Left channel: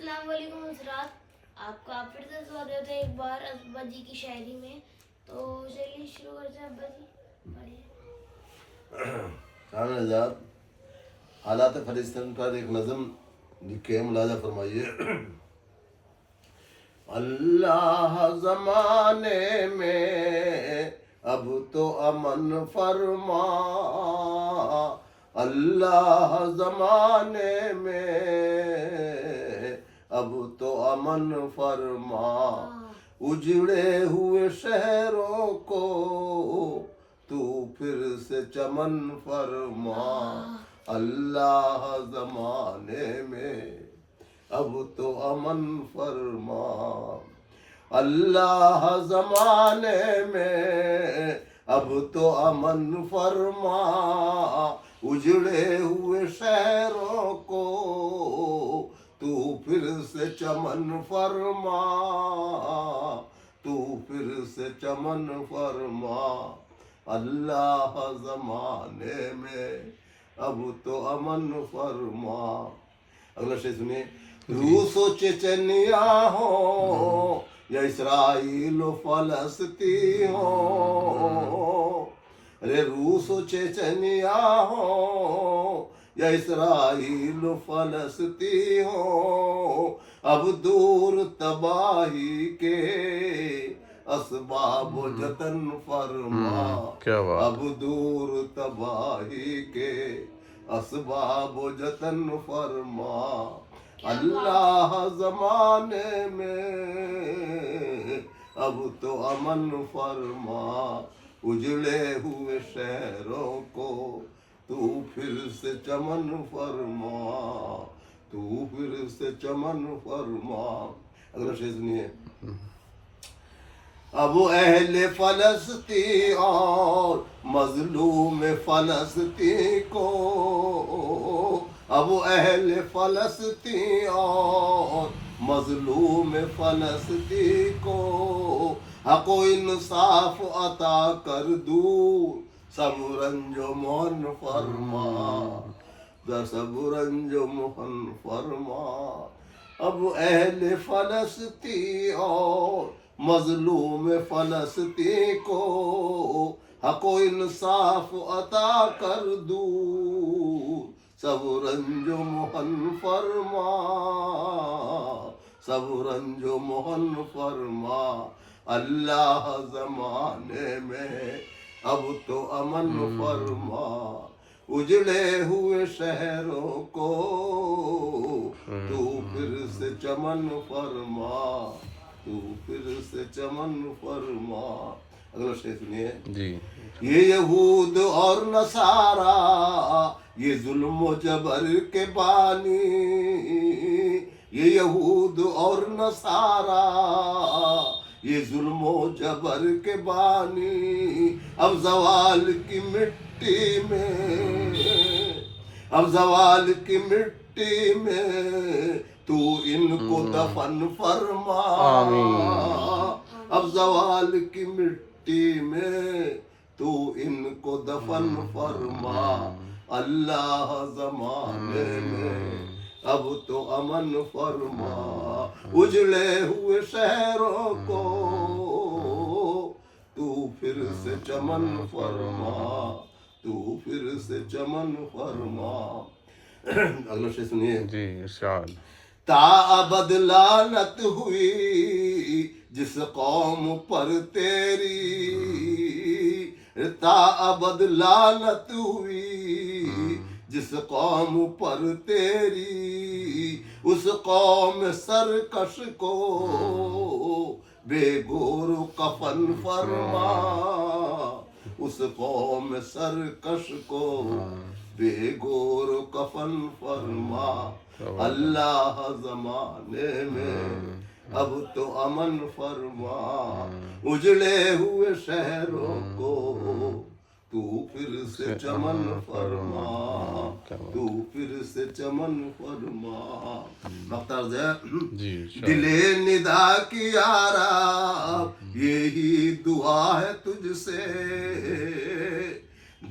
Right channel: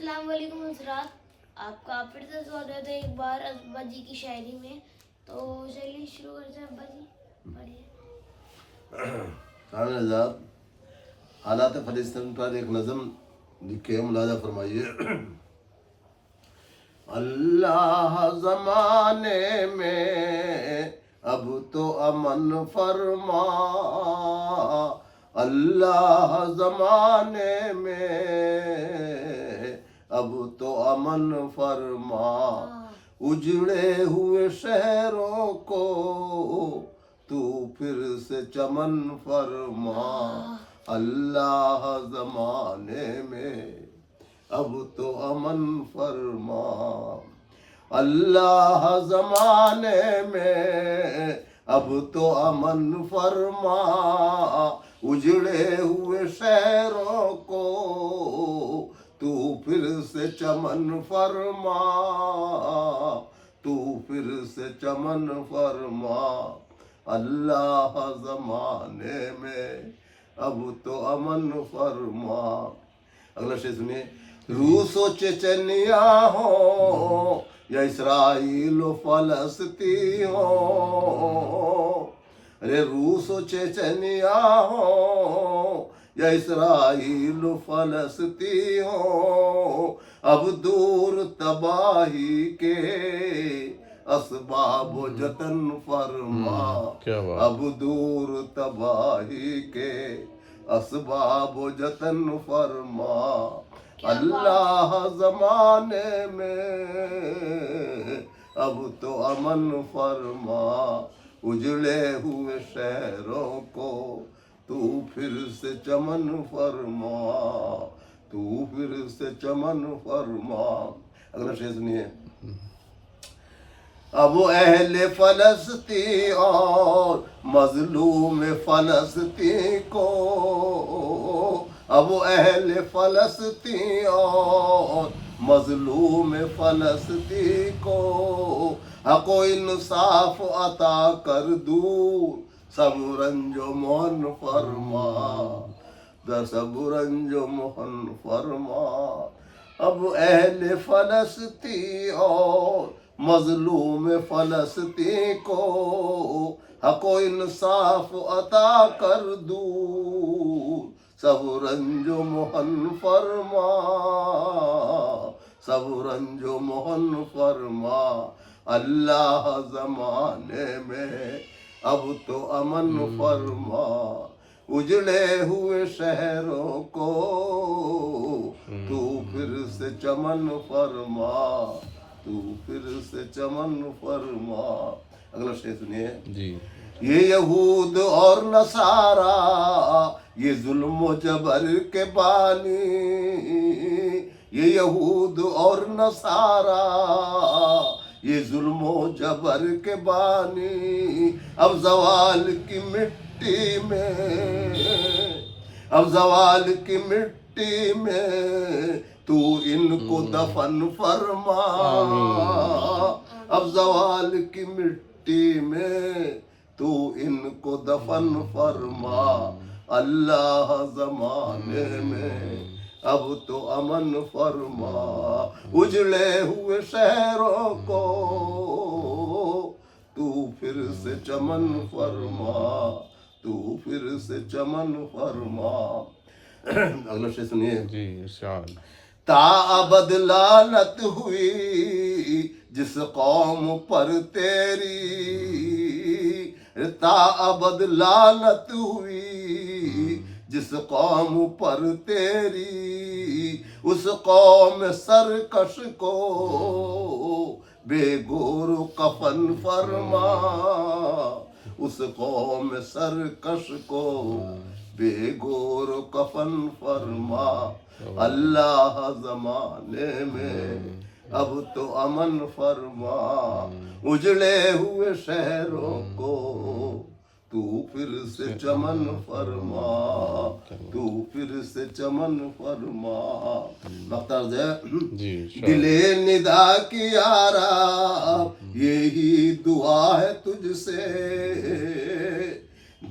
السلام علیکم حضرات، آپ کا پھر سے سواگت ہے ایک بار ابا جی کی شاعری میں. تو چلیے شروع کرتے ہیں. ابا جی پڑھیے. حضرات حالات فلسطین پر ایک نظم لکھے ملاحظہ فرمائیے. اللہ زمانے میں اب تو امن فرما، اللہ زمانے میں اب تو امن فرما، اجڑے ہوئے شہروں کو تو پھر سے چمن فرما. اللہ زمانے میں اب تو امن فرما، اللہ زمانے میں اب تو امن فرما، اجڑے ہوئے شہروں کو تو پھر سے چمن فرما، تو پھر سے چمن فرما. اللہ زمانے میں اب تو امن فرما. اگلا شعر سنیے. روس و چچنیا ہو یا اسرائیل و فلسطین ہو، ارے روس و چچنیا ہو یا اسرائیل و فلسطین ہو، اب دور تباہی کے اسباب و جتن فرما. اب دور تباہی کے اسباب و جتن فرما. اللہ زمانے میں اب تو امن فرما، اجڑے ہوئے شہروں کو تو پھر سے چمن فرما، تو پھر سے چمن فرما. اگلا شعر سنیے. اب اہل فلسطین اور مظلوم فلسطین کو، اب اہل فلسطین اور مظلوم فلسطین کو حق و انصاف عطا کر دور سب رنج و مہن فرما، در سب رنج و مہن فرما. اب اہل فلسطین اور مظلوم فلسطین کو حق و انصاف عطا کر دور سب رنج و مہن فرما، سب رنج و مہن فرما. اللہ زمانے میں اب تو امن فرما، اجڑے ہوئے شہروں کو تو پھر سے چمن فرما، تو پھر سے چمن فرما. اگلا شعر سنیے. یہ یہود اور نصارا یہ ظلم و جبر کے بانی، یہ یہود اور نصارا یہ ظلم و جبر کے بانی، اب زوال کی مٹی میں، اب زوال کی مٹی میں تو ان کو دفن فرما. اب زوال کی مٹی میں تو ان کو دفن فرما. اللہ زمانے میں اب تو امن فرما، اجڑے ہوئے شہروں کو تو پھر سے چمن فرما، تو پھر سے چمن فرما. اگلا شعر سنیے. تا ابد لعنت ہوئی جس قوم پر تیری، تا ابد لعنت ہوئی جس قوم پر تیری، اس قوم سرکش کو بے گور و کفن فرما، اس قوم سرکش کو بے گور و کفن فرما. اللہ زمانے میں اب تو امن فرما، اجڑے ہوئے شہروں کو تو پھر سے چمن فرما، تو پھر سے چمن فرما. مقترض ہے. دلے ندا کی یارا یہی دعا ہے تجھ سے،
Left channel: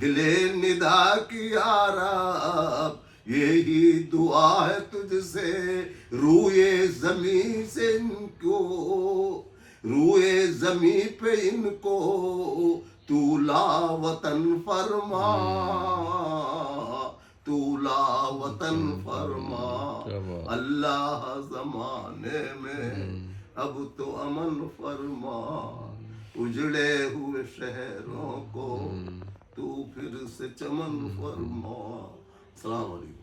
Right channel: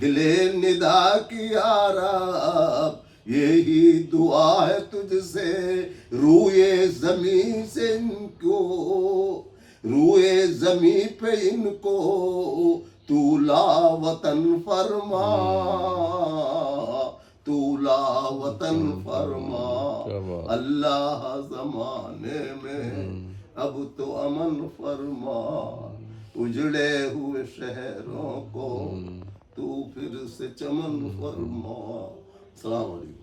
دلے ندا کی یارا یہی دعا ہے تجھ سے روئے زمین سے ان کو، روئے زمین پہ ان کو تو لا وطن فرما، تو لا وطن فرما، اللہ زمانے میں اب تو امن فرما، اجڑے ہوئے شہروں کو تو پھر سے چمن فرما۔ السلام علیکم۔